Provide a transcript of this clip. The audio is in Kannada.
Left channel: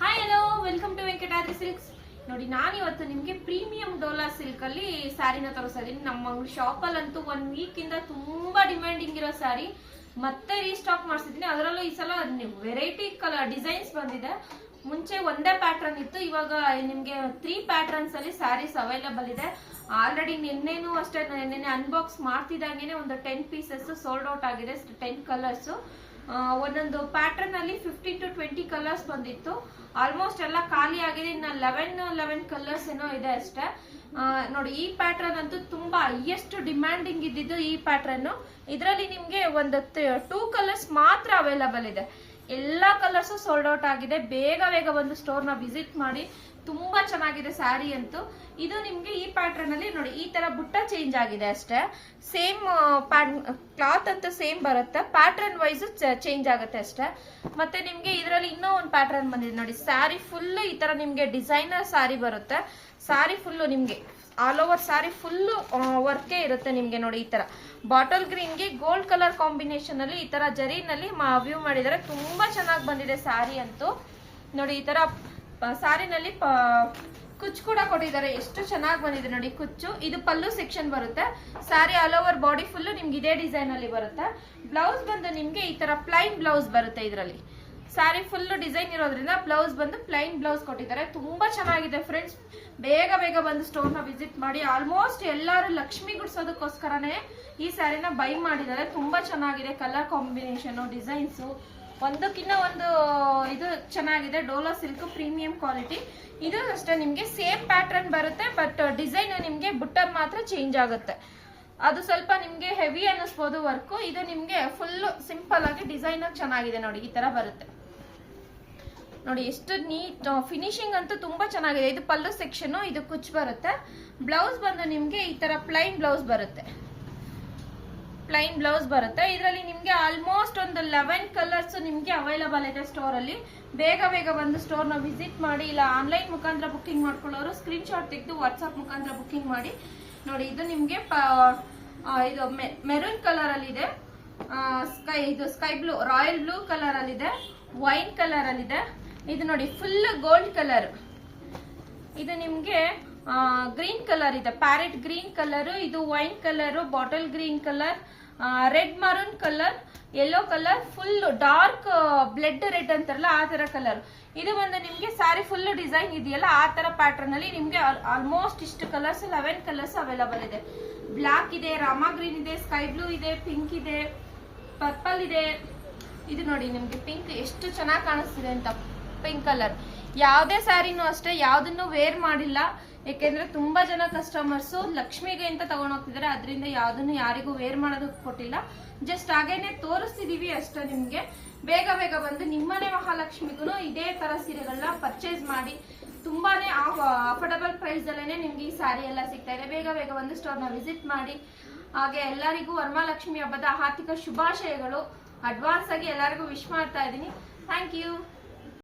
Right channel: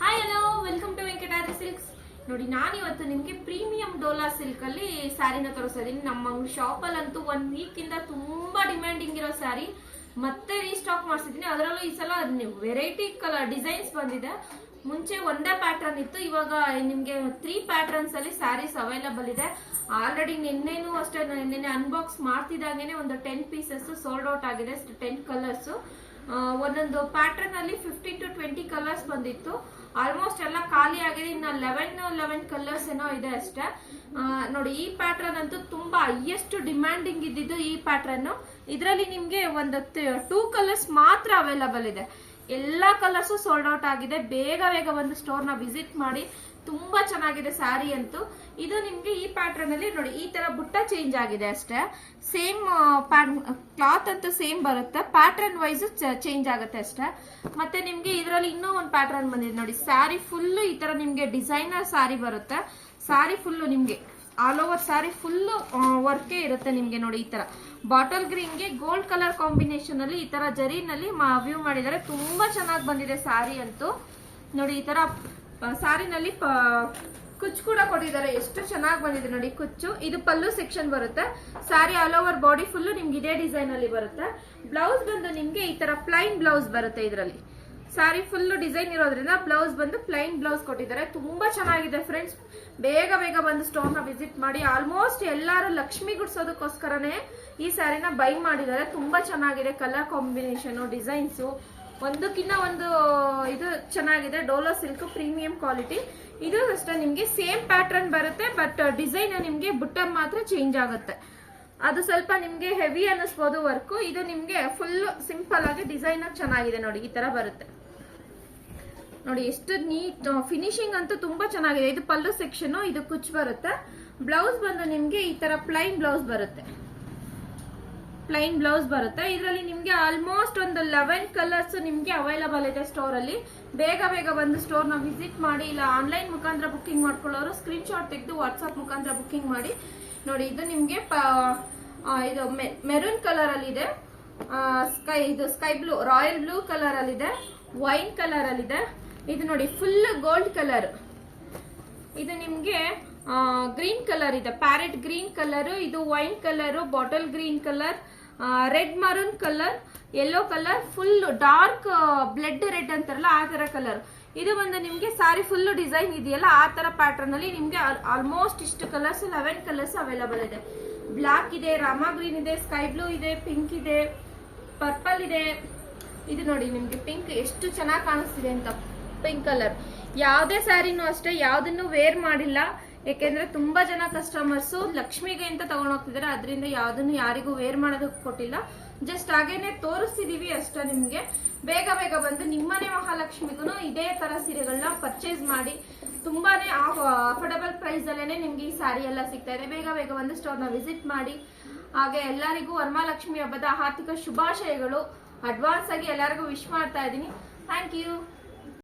Hi hello welcome to Venkatadri silks. ನೋಡಿ, ನಾನಿವತ್ತು ನಿಮಗೆ ಪ್ರೀಮಿಯಂ ಡೋಲಾ ಸಿಲ್ಕ್ ಅಲ್ಲಿ ಸ್ಯಾರಿನ ತೋರಿಸ್ತಾ ಇದೀನಿ. ನಮ್ಮ ಶಾಪ್ ಅಲ್ಲಂತೂ 1 ವೀಕ್ ಇಂದ ತುಂಬಾ ಡಿಮ್ಯಾಂಡಿಂಗ್ ಇರೋ ಸ್ಯಾರಿ ಮತ್ತೆ ರೀಸ್ಟಾಕ್ ಮಾಡಿಸಿದೀನಿ. ಅದರಲ್ಲೂ ಈ ಸಲ ವೆರೈಟಿ ಕಲರ್ ಡಿಸೈನ್ಸ್ ಬಂದಿದೆ. ಮುಂಚೆ ಒಂದೇ ಪ್ಯಾಟರ್ನ್ ಇತ್ತು, ಇವಾಗ ನಿಮ್ಗೆ 3 ಪ್ಯಾಟರ್ನ್ಸ್ ಅಲ್ಲಿ ಸ್ಯಾರೀಸ್ ಅವೈಲಬಲ್ ಇದೆ. ಆಲ್ರೆಡಿ ನಿನ್ನೆನೂ ಅಷ್ಟೇ, ನಿನ್ನೆ ಅನ್ಬಾಕ್ಸ್ ಮಾಡ್ತಿದ್ದಾಗೇನೆ ಒಂದು 10 ಪೀಸಸ್ ಸೋಲ್ಡ್ ಔಟ್ ಆಗಿದೆ. 10 ಕಲರ್ಸ್, ಒಂದೊಂದು ಪ್ಯಾಟರ್ನ್ ಅಲ್ಲಿ 15 to 20 ಕಲರ್ಸ್ ಬಂದಿತ್ತು. ಆಲ್ಮೋಸ್ಟ್ ಎಲ್ಲ ಖಾಲಿ ಆಗಿದೆ. ಇನ್ನು 11 ಕಲರ್ಸ್ ಏನೋ ಇದೆ ಅಷ್ಟೇ. ನೋಡಿ, ಈ ಪ್ಯಾಟರ್ನ್ ಅಂತೂ ತುಂಬಾ ಹೈಯೆಸ್ಟ್ ಡಿಮ್ಯಾಂಡಿಂಗ್ ಇದ್ದಿದ್ದು ಈ ಪ್ಯಾಟರ್ನ್. ಇದರಲ್ಲಿ ನಿಮ್ಗೆ ಒಂದು 2 ಕಲರ್ಸ್ ಮಾತ್ರ ಅವೈಲಬಲ್ ಇದೆ. ಎಲ್ಲಾ ಕಲರ್ಸ್ ಸೋಲ್ಡ್ ಔಟ್ ಆಗಿದೆ. ಬೇಗ ಒಂದು ಸ್ಟೋರ್ ನ ವಿಸಿಟ್ ಮಾಡಿ. ತುಂಬಾ ಚೆನ್ನಾಗಿದೆ ಸ್ಯಾರಿ ಅಂತೂ. ಇದು ನಿಮ್ಗೆ ಈ ಪ್ಯಾಟರ್ನ್ ಅಲ್ಲಿ ನೋಡಿ, ಈ ತರ ಬುಟ್ಟ ಚೇಂಜ್ ಆಗಿದೆ ಅಷ್ಟೇ. ಸೇಮ್ ಕ್ಲಾತ್ ಅಂತ ಸೇಮ್ ಬರುತ್ತೆ, ಪ್ಯಾಟರ್ನ್ ವೈಸ್ ಚೇಂಜ್ ಆಗುತ್ತೆ ಅಷ್ಟೇ. ಮತ್ತೆ ನಿಮ್ಗೆ ಇದರಲ್ಲಿ ಇನ್ನೂ ಒಂದು ಪ್ಯಾಟರ್ನ್ ಬಂದಿದೆ ನೋಡಿ. ಸ್ಯಾರಿ ಫುಲ್ ಈ ತರ ನಿಮ್ಗೆ ಡಿಸೈನರ್ ಸ್ಯಾರಿ ಬರುತ್ತೆ. ಸ್ಯಾರಿ ಫುಲ್ ನಿಮ್ಗೆ ಆಲ್ ಓವರ್ ಸ್ಯಾರಿ ಫುಲ್ ವರ್ಕೇ ಇರುತ್ತೆ ನಿಮ್ಗೆ. ನೋಡಿ, ಈ ತರ ಬಾಟಲ್ ಗ್ರೀನ್ ಗೆ ಗೋಲ್ಡ್ ಕಲರ್ ಕಾಂಬಿನೇಷನ್ ಅಲ್ಲಿ ಈ ತರ ಜರಿನಲ್ಲಿ ವ್ಯೂ ಮಾಡಿದ್ದಾರೆ. ತುಂಬಾ ಚೆನ್ನಾಗಿ ಬಂದಿದೆ ಸ್ಯಾರಿ ಅಂತೂ. ನೋಡಿ, ಈ ತರ ಸಾರಿನಲ್ಲಿ ಕುಚ್ಚು ಕೂಡ ಕೊಟ್ಟಿದ್ದಾರೆ. ಎಷ್ಟು ಚೆನ್ನಾಗಿ ಬಂದಿದೆ ನೋಡಿ ಕುಚ್ಚು. ಇದು ಪಲ್ಲು ಸೆಕ್ಷನ್ ಬರುತ್ತೆ. Sari all over body full ನಿಮ್ಗೆ ಇದೇ ಡಿಸೈನ್ ಅಲ್ಲಿ ಬರುತ್ತೆ. ಬ್ಲೌಸ್ ಬಂದು ನಿಮ್ಗೆ ಈ ತರ ಪ್ಲೈನ್ ಬ್ಲೌಸ್ ಬರುತ್ತೆ. ಇದರಲ್ಲಿ ಸ್ಯಾರಿ ಫುಲ್ ಡಿಸೈನ್ ಇರೋದ್ರಿಂದ ಬ್ಲೌಸ್ ಬಂದು ಪ್ಲೈನ್ ಬ್ಲೌಸ್ ಕೊಟ್ಟಿದ್ದಾರೆ. ತುಂಬಾ ಚೆನ್ನಾಗಿದೆ ಫ್ರೆಂಡ್ಸ್. ಬೇಗ ಬಂದು ಸ್ಟೋರ್ ನ ವಿಸಿಟ್ ಮಾಡಿ. ಆಲ್ಮೋಸ್ಟ್ ಎಲ್ಲರೂ ಲಕ್ಷ್ಮಿ ಗುಡ್ಸೋದಕ್ಕೋಸ್ಕರನೇ ಈ ಸ್ಯಾರಿನ ಬೈ ಮಾಡಿದ್ದಾರೆ. ತುಂಬಾ ಚೆನ್ನಾಗಿದೆ ಕಲರ್ ಕಾಂಬಿನೇಷನ್, ಡಿಸೈನ್ಸ್ ಒಂದಕ್ಕಿಂತ ಒಂದು ಇದು ಚೆನ್ನಾಗಿದೆ. Dhola silk premium quality. ಇದು ಅಷ್ಟೇ ನಿಮ್ಗೆ ಸೇಮ್ ಪ್ಯಾಟರ್ನ್ ಬರುತ್ತೆ, ಬಟ್ ಡಿಸೈನ್ ನಿಮ್ಗೆ ಬುಟ್ಟ ಮಾತ್ರ ಚೇಂಜ್ ಆಗುತ್ತೆ. ಅದು ಸ್ವಲ್ಪ ನಿಮ್ಗೆ ಹೆವಿ ಅನ್ನಿಸ್ಬೋದು ವರ್ಕ್. ಇದು ನಿಮ್ಗೆ ಫುಲ್ ಸಿಂಪಲ್ ಆಗಿ ಡಿಸೈನ್ ಚೆನ್ನಾಗಿದೆ. ನೋಡಿ, ಈ ತರ ಬರುತ್ತೆ. ನೋಡಿ, ಎಷ್ಟು ನೀಟ್ ಫಿನಿಶಿಂಗ್ ಅಂತೂ ತುಂಬಾ ಚೆನ್ನಾಗಿದೆ. ಇದು ಪಲ್ಲು ಸೆಕ್ಷನ್, ಇದು ಕುಚ್ ಬರುತ್ತೆ. ಬ್ಲೌಸ್ ಬಂದು ನಿಮ್ಗೆ ಈ ತರ ಪ್ಲೈನ್ ಬ್ಲೌಸ್ ಬರುತ್ತೆ. ಇದರಲ್ಲಿ ನಿಮ್ಗೆ ಆಲ್ಮೋಸ್ಟ್ ಒಂದು 11 ಕಲರ್ಸ್ ನಿಮ್ಗೆ ಅವೈಲಬಲ್ ಇದೆ ಸ್ಟೋರ್ ಅಲ್ಲಿ. ಬೇಗ ಬಂದು ಸ್ಟೋರ್ ನ ವಿಸಿಟ್ ಮಾಡಿ. ಇಲ್ಲ ಆನ್ಲೈನ್ ಮುಖಾಂತರ ಬುಕ್ಕಿಂಗ್ ಮಾಡ್ಕೊಳ್ಳೋರು ಸ್ಕ್ರೀನ್ ಶಾಟ್ ತೆಗೆದು ವಾಟ್ಸ್ಆಪ್ ಮುಖಾಂತರ ಬುಕ್ಕಿಂಗ್ ಮಾಡಿ. ನೋಡಿ, ಇದು ನಿಮ್ಗೆ ಇದು ಮೆರೂನ್ ಕಲರ್ ಅಲ್ಲಿ ಇದೆ, sky blue, royal blue colour ಅಲ್ಲಿ ಇದೆ, ವೈನ್ ಕಲರ್ ಅಲ್ಲಿ ಇದೆ. ಇದು ನೋಡಿ ಫುಲ್ ಗೋಲ್ಡ್ ಕಲರ್. ಇದು ನಿಮ್ಗೆ ಗ್ರೀನ್ ಕಲರ್ ಇದೆ, ಪ್ಯಾರೆಟ್ ಗ್ರೀನ್ ಕಲರ್. ಇದು wine colour, bottle green colour, red maroon colour, yellow colour, full dark blood red ಅಂತಾರಲ್ಲ ಆ ತರ ಕಲರ್. ಇದು ಒಂದು ನಿಮ್ಗೆ ಸ್ಯಾರಿ ಫುಲ್ ಡಿಸೈನ್ ಇದೆಯಲ್ಲ ಆ ತರ ಪ್ಯಾಟರ್ನ್ ಅಲ್ಲಿ ನಿಮ್ಗೆ ಆಲ್ಮೋಸ್ಟ್ ಇಷ್ಟು ಕಲರ್ಸ್ 11 ಕಲರ್ಸ್ ಅವೈಲಬಲ್ ಇದೆ. ಬ್ಲಾಕ್ ಇದೆ, ರಾಮಾ ಗ್ರೀನ್ ಇದೆ, ಸ್ಕೈ ಬ್ಲೂ ಇದೆ, ಪಿಂಕ್ ಇದೆ, ಪರ್ಪಲ್ ಇದೆ. ಇದು ನೋಡಿ ನಿಮ್ಗೆ ಪಿಂಕ್ ಎಷ್ಟು ಚೆನ್ನಾಗಿ ಕಾಣಿಸ್ತಿದೆ ಅಂತ. ಪಿಂಕ್ ಕಲರ್ ಯಾವುದೇ ಸ್ಯಾರಿನೂ ಅಷ್ಟೇ ಯಾವ್ದನ್ನು ವೇರ್ ಮಾಡಿಲ್ಲ. ಯಾಕೆಂದ್ರೆ ತುಂಬಾ ಜನ ಕಸ್ಟಮರ್ಸ್ ಲಕ್ಷ್ಮಿಗೆ ಅಂತ ತಗೊಂಡ್ ಹೋಗ್ತಿದ್ದಾರೆ. ಅದರಿಂದ ಯಾವ್ದನ್ನು ಯಾರಿಗೂ ವೇರ್ ಮಾಡೋದಕ್ಕೆ ಕೊಟ್ಟಿಲ್ಲ. ಜಸ್ಟ್ ಹಾಗೇನೆ ತೋರಿಸ್ತಿದೀವಿ ಅಷ್ಟೇ. ನಿಮ್ಗೆ ಬೇಗ ಬಂದು ನಿಮ್ಮನೆ ಮಹಾಲಕ್ಷ್ಮಿಗೂ ಇದೇ ತರ ಸೀರೆಗಳನ್ನ ಪರ್ಚೇಸ್ ಮಾಡಿ. ತುಂಬಾನೇ ಅಫೋರ್ಡಬಲ್ ಪ್ರೈಸ್ ಅಲ್ಲೇನೆ ನಿಮ್ಗೆ ಈ ಸ್ಯಾರಿ ಎಲ್ಲ ಸಿಗ್ತಾ ಇದೆ. ಬೇಗ ಬಂದು ಸ್ಟೋರ್ ನ ವಿಸಿಟ್ ಮಾಡಿ. ಹಾಗೆ ಎಲ್ಲರಿಗೂ ವರಮಹಾಲಕ್ಷ್ಮಿ ಹಬ್ಬದ ಹಾರ್ದಿಕ ಶುಭಾಶಯಗಳು. ಅಡ್ವಾನ್ಸ್ ಆಗಿ ಎಲ್ಲರಿಗೂ ವಿಶ್ ಮಾಡ್ತಾ ಇದ್ದೀನಿ. Thank you.